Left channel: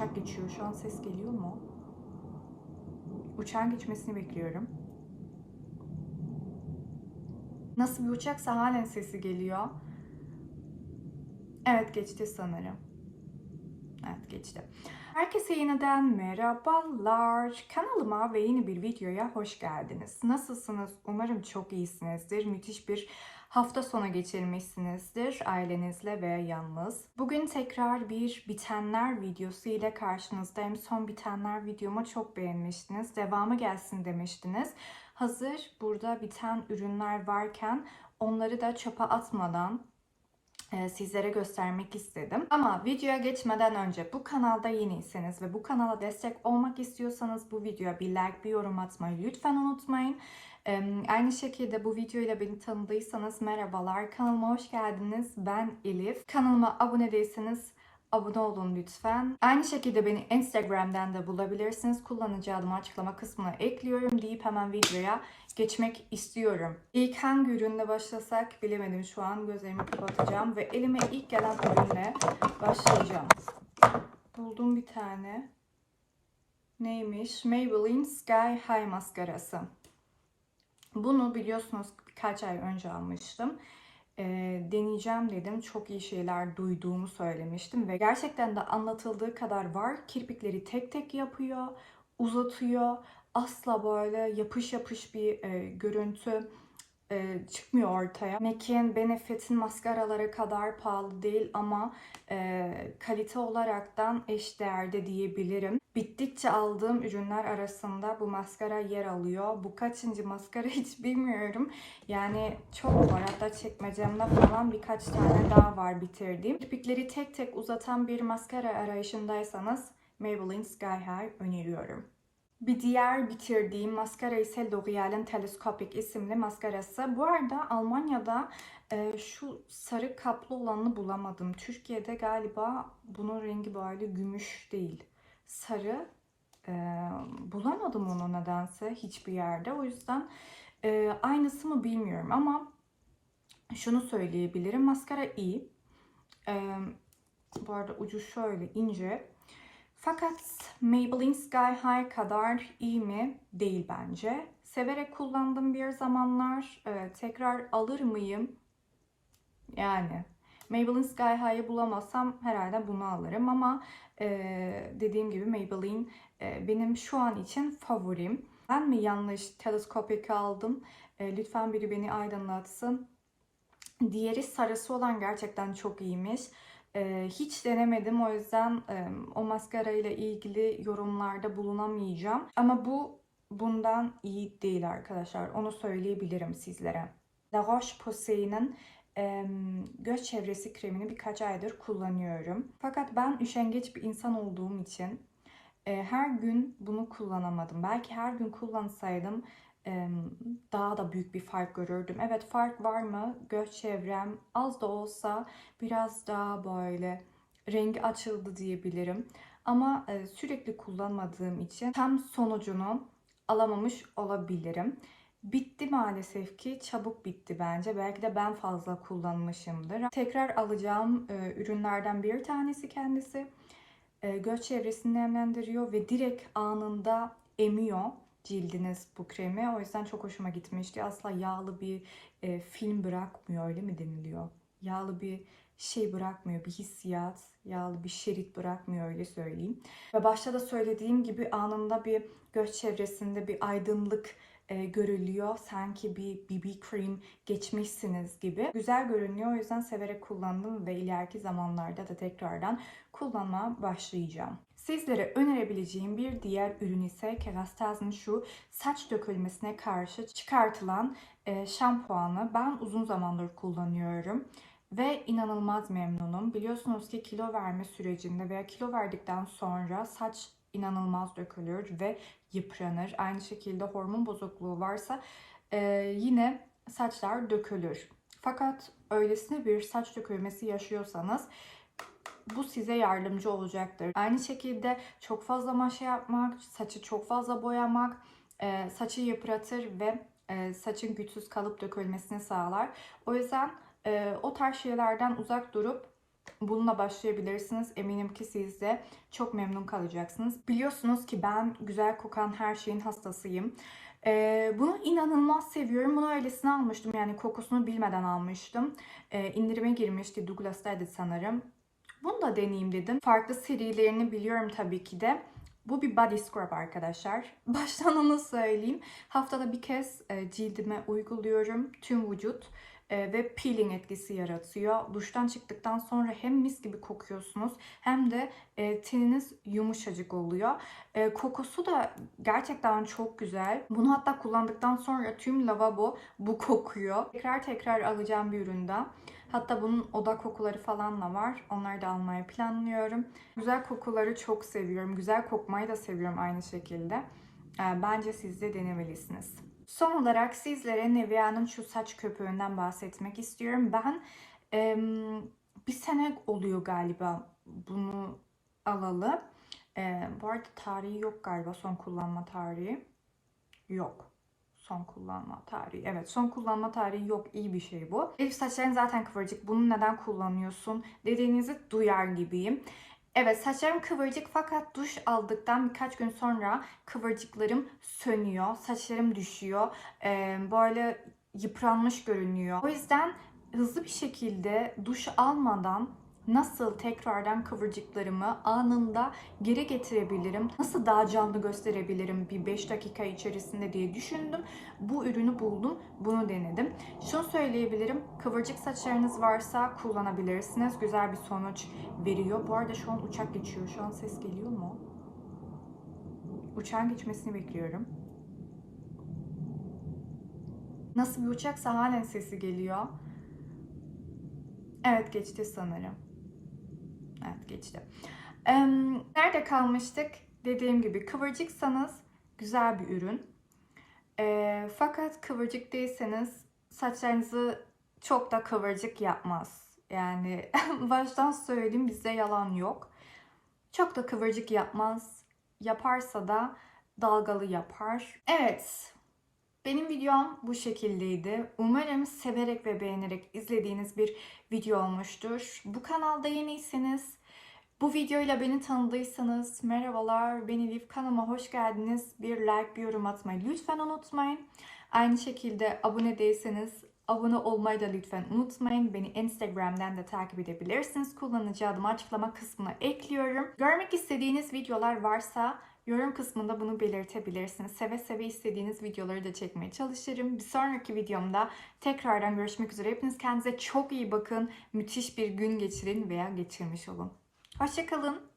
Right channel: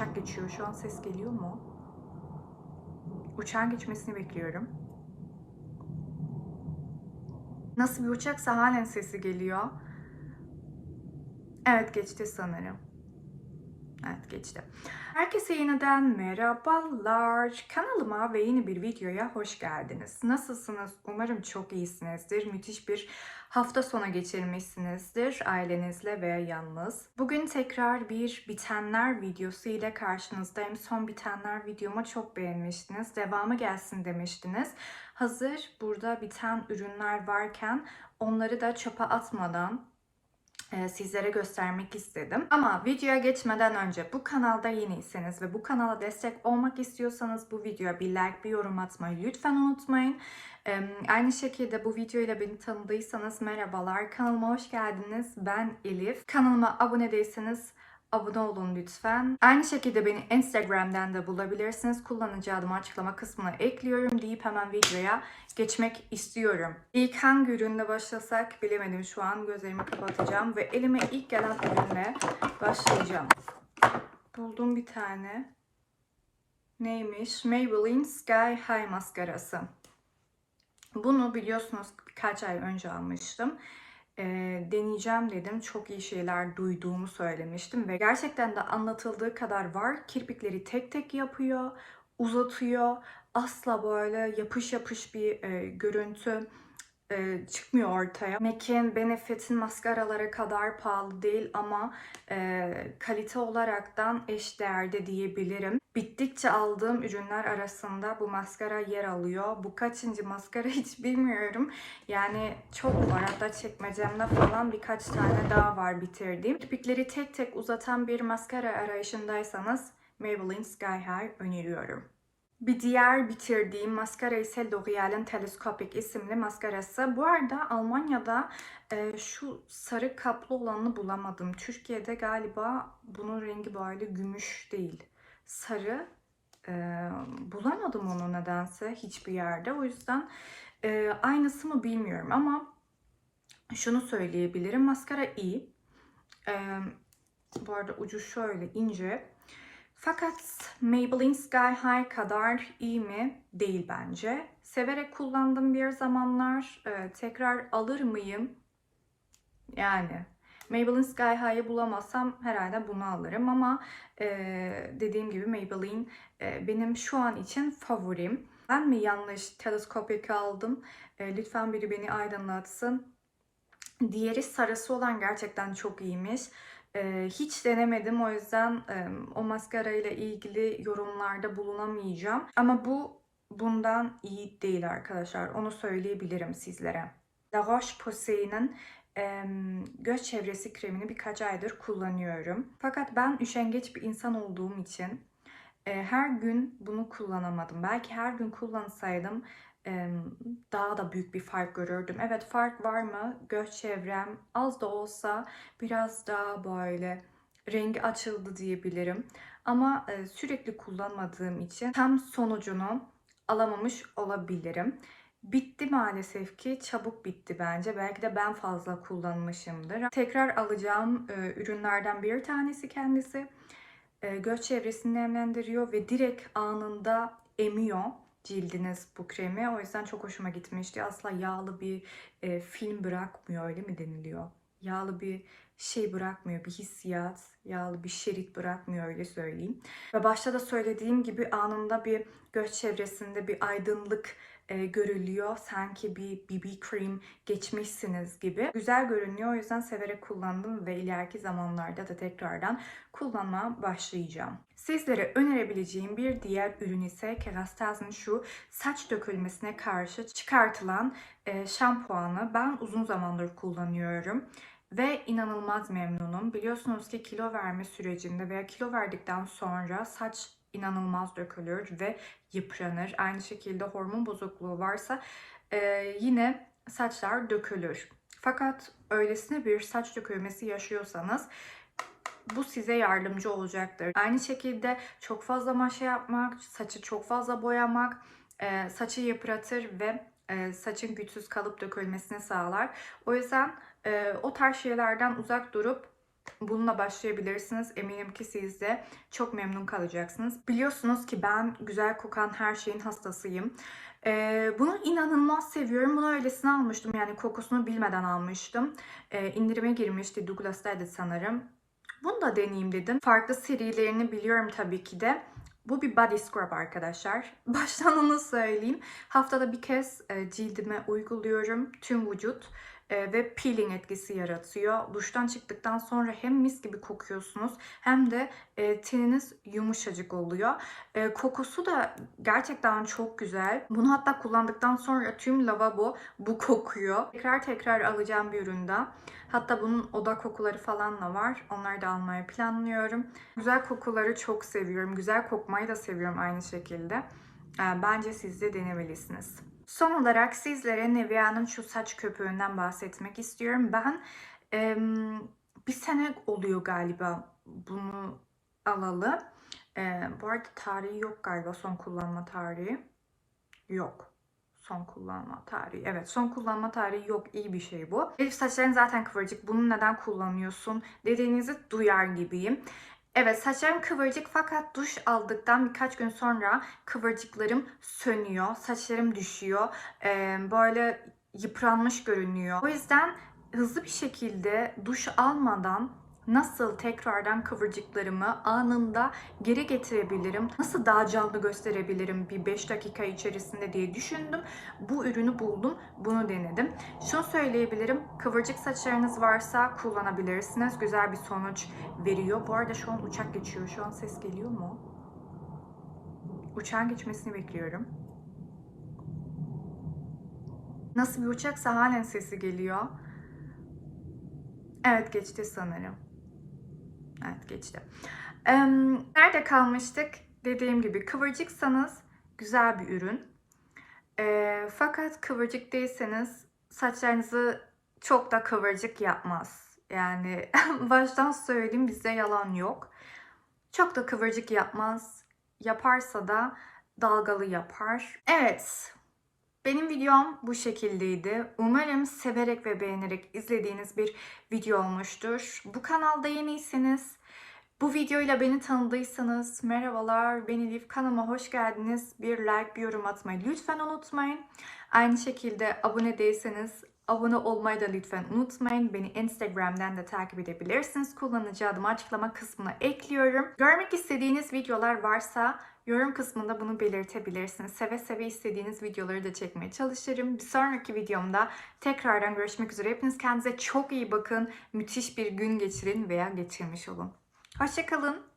uçak geçiyor. Şu an ses geliyor mu? Uçağın geçmesini bekliyorum. Nasıl bir uçaksa halen sesi geliyor. Evet geçti sanırım. Evet geçti. Herkese yeniden merhabalar. Kanalıma ve yeni bir videoya hoş geldiniz. Nasılsınız? Umarım çok iyisinizdir. Müthiş bir hafta sonu geçirmişsinizdir ailenizle veya yalnız. Bugün tekrar bir bitenler videosu ile karşınızdayım. Son bitenler videomu çok beğenmiştiniz. Devamı gelsin demiştiniz. Hazır burada biten ürünler varken onları da çöpe atmadan sizlere göstermek istedim. Ama videoya geçmeden önce bu kanalda yeniyseniz ve bu kanala destek olmak istiyorsanız bu videoya bir like, bir yorum atmayı lütfen unutmayın. E, Aynı şekilde bu videoyla beni tanıdıysanız merhabalar. Kanalıma hoş geldiniz. Ben Elif. Kanalıma abone değilseniz abone olun lütfen. Aynı şekilde beni Instagram'dan da bulabilirsiniz. Kullanıcı adımı açıklama kısmına ekliyorum deyip hemen videoya geçmek istiyorum. İlk hangi ürünle başlasak bilemedim şu an. Gözlerimi kapatacağım ve elime ilk gelen ürünle başlayacağım. Buldum bir tane. Neymiş? Maybelline Sky High maskarası. Bunu biliyorsunuz birkaç ay önce almıştım. E, deneyeceğim dedim. Çok iyi şeyler duyduğumu söylemiştim ve gerçekten de anlatıldığı kadar var. Kirpikleri tek tek yapıyor, uzatıyor. Asla böyle yapış yapış bir e, görüntü e, çıkmıyor ortaya. MAC'in Benefit'in maskaraları kadar pahalı değil ama e, kalite olaraktan eş değerde diyebilirim. Bittikçe aldığım ürünler arasında bu maskara yer alıyor. Bu kaçıncı maskara hiç bilmiyorum. Yani çok var. Hatta çekmecemde falan birkaç tane daha var bitirdiğim. Kirpikleri tek tek uzatan bir maskara arayışındaysanız Maybelline Sky High öneriyorum. Bir diğer bitirdiğim maskara ise L'Oreal'in Telescopic isimli maskarası. Bu arada Almanya'da e, şu sarı kaplı olanını bulamadım. Türkiye'de galiba bunun rengi böyle gümüş değil. Sarı. E, bulamadım onu nedense hiçbir yerde. O yüzden e, aynısı mı bilmiyorum ama şunu söyleyebilirim. Maskara iyi. E, bu arada ucu şöyle ince. Fakat Maybelline Sky High kadar iyi mi? Değil bence. Severek kullandım bir zamanlar. Ee, tekrar alır mıyım? Yani Maybelline Sky High'ı bulamazsam herhalde bunu alırım ama e, dediğim gibi Maybelline e, benim şu an için favorim. Ben mi yanlış teleskopik aldım? E, lütfen biri beni aydınlatsın. Diğeri sarısı olan gerçekten çok iyiymiş. Ee, hiç denemedim o yüzden e, o maskara ile ilgili yorumlarda bulunamayacağım. Ama bu bundan iyi değil arkadaşlar. Onu söyleyebilirim sizlere. La Roche-Posay'nin e, göz çevresi kremini birkaç aydır kullanıyorum. Fakat ben üşengeç bir insan olduğum için e, her gün bunu kullanamadım. Belki her gün kullansaydım daha da büyük bir fark görürdüm. Evet fark var mı? Göz çevrem az da olsa biraz daha böyle rengi açıldı diyebilirim. Ama sürekli kullanmadığım için tam sonucunu alamamış olabilirim. Bitti maalesef ki çabuk bitti bence. Belki de ben fazla kullanmışımdır. Tekrar alacağım ürünlerden bir tanesi kendisi. Göz çevresini nemlendiriyor ve direkt anında emiyor cildiniz bu kremi. O yüzden çok hoşuma gitmişti. Asla yağlı bir e, film bırakmıyor öyle mi deniliyor? Yağlı bir şey bırakmıyor, bir hissiyat, yağlı bir şerit bırakmıyor öyle söyleyeyim. Ve başta da söylediğim gibi anında bir göz çevresinde bir aydınlık e, görülüyor. Sanki bir BB cream geçmişsiniz gibi. Güzel görünüyor. O yüzden severek kullandım ve ileriki zamanlarda da tekrardan kullanmaya başlayacağım. Sizlere önerebileceğim bir diğer ürün ise Kerastaz'ın şu saç dökülmesine karşı çıkartılan e, şampuanı. Ben uzun zamandır kullanıyorum ve inanılmaz memnunum. Biliyorsunuz ki kilo verme sürecinde veya kilo verdikten sonra saç inanılmaz dökülür ve yıpranır. Aynı şekilde hormon bozukluğu varsa e, yine saçlar dökülür. Fakat öylesine bir saç dökülmesi yaşıyorsanız bu size yardımcı olacaktır. Aynı şekilde çok fazla maşa yapmak, saçı çok fazla boyamak e, saçı yıpratır ve e, saçın güçsüz kalıp dökülmesini sağlar. O yüzden e, o tarz şeylerden uzak durup Bununla başlayabilirsiniz. Eminim ki siz de çok memnun kalacaksınız. Biliyorsunuz ki ben güzel kokan her şeyin hastasıyım. Ee, bunu inanılmaz seviyorum. Bunu öylesine almıştım. Yani kokusunu bilmeden almıştım. Ee, indirime girmişti. Douglas'taydı sanırım. Bunu da deneyeyim dedim. Farklı serilerini biliyorum tabii ki de. Bu bir body scrub arkadaşlar. Baştan onu söyleyeyim. Haftada bir kez e, cildime uyguluyorum. Tüm vücut e, ve peeling etkisi yaratıyor. Duştan çıktıktan sonra hem mis gibi kokuyorsunuz hem de e, teniniz yumuşacık oluyor. Kokusu da gerçekten çok güzel. Bunu hatta kullandıktan sonra tüm lavabo bu kokuyor. Tekrar tekrar alacağım bir üründe. Hatta bunun oda kokuları falan da var. Onları da almayı planlıyorum. Güzel kokuları çok seviyorum. Güzel kokmayı da seviyorum aynı şekilde. E, Bence siz de denemelisiniz. Son olarak sizlere Nivea'nın şu saç köpüğünden bahsetmek istiyorum. Ben bir sene oluyor galiba bunu alalı. E, bu arada tarihi yok galiba son kullanma tarihi. Yok. Son kullanma tarihi. Evet son kullanma tarihi yok. İyi bir şey bu. Elif saçların zaten kıvırcık. Bunu neden kullanıyorsun dediğinizi duyar gibiyim. Evet saçlarım kıvırcık fakat duş aldıktan birkaç gün sonra kıvırcıklarım sönüyor. Saçlarım düşüyor. Ee, böyle yıpranmış görünüyor. O yüzden hızlı bir şekilde duş almadan nasıl tekrardan kıvırcıklarımı anında geri getirebilirim? Nasıl daha canlı gösterebilirim bir 5 dakika içerisinde diye düşündüm. Bu ürünü buldum. Bunu denedim. Şunu söyleyebilirim. Kıvırcık saçlarınız varsa kullanabilirsiniz. Güzel bir sonuç veriyor. Bu arada şu an uçak geçiyor. Şu an ses geliyor mu? Uçağın geçmesini bekliyorum. Nasıl bir uçaksa halen sesi geliyor. Evet geçti sanırım. Geçti. Nerede kalmıştık? Dediğim gibi kıvırcıksanız güzel bir ürün. Ee, fakat kıvırcık değilseniz saçlarınızı çok da kıvırcık yapmaz. Yani baştan söyleyeyim bizde yalan yok. Çok da kıvırcık yapmaz. Yaparsa da dalgalı yapar. Evet. Benim videom bu şekildeydi. Umarım severek ve beğenerek izlediğiniz bir video olmuştur. Bu kanalda yeniyseniz, bu videoyla beni tanıdıysanız merhabalar, ben Elif. Kanalıma hoş geldiniz. Bir like, bir yorum atmayı lütfen unutmayın. Aynı şekilde abone değilseniz abone olmayı da lütfen unutmayın. Beni Instagram'dan da takip edebilirsiniz. Kullanıcı adımı açıklama kısmına ekliyorum. Görmek istediğiniz videolar varsa yorum kısmında bunu belirtebilirsiniz. Seve seve istediğiniz videoları da çekmeye çalışırım. Bir sonraki videomda tekrardan görüşmek üzere. Hepiniz kendinize çok iyi bakın. Müthiş bir gün geçirin veya geçirmiş olun. Hoşçakalın.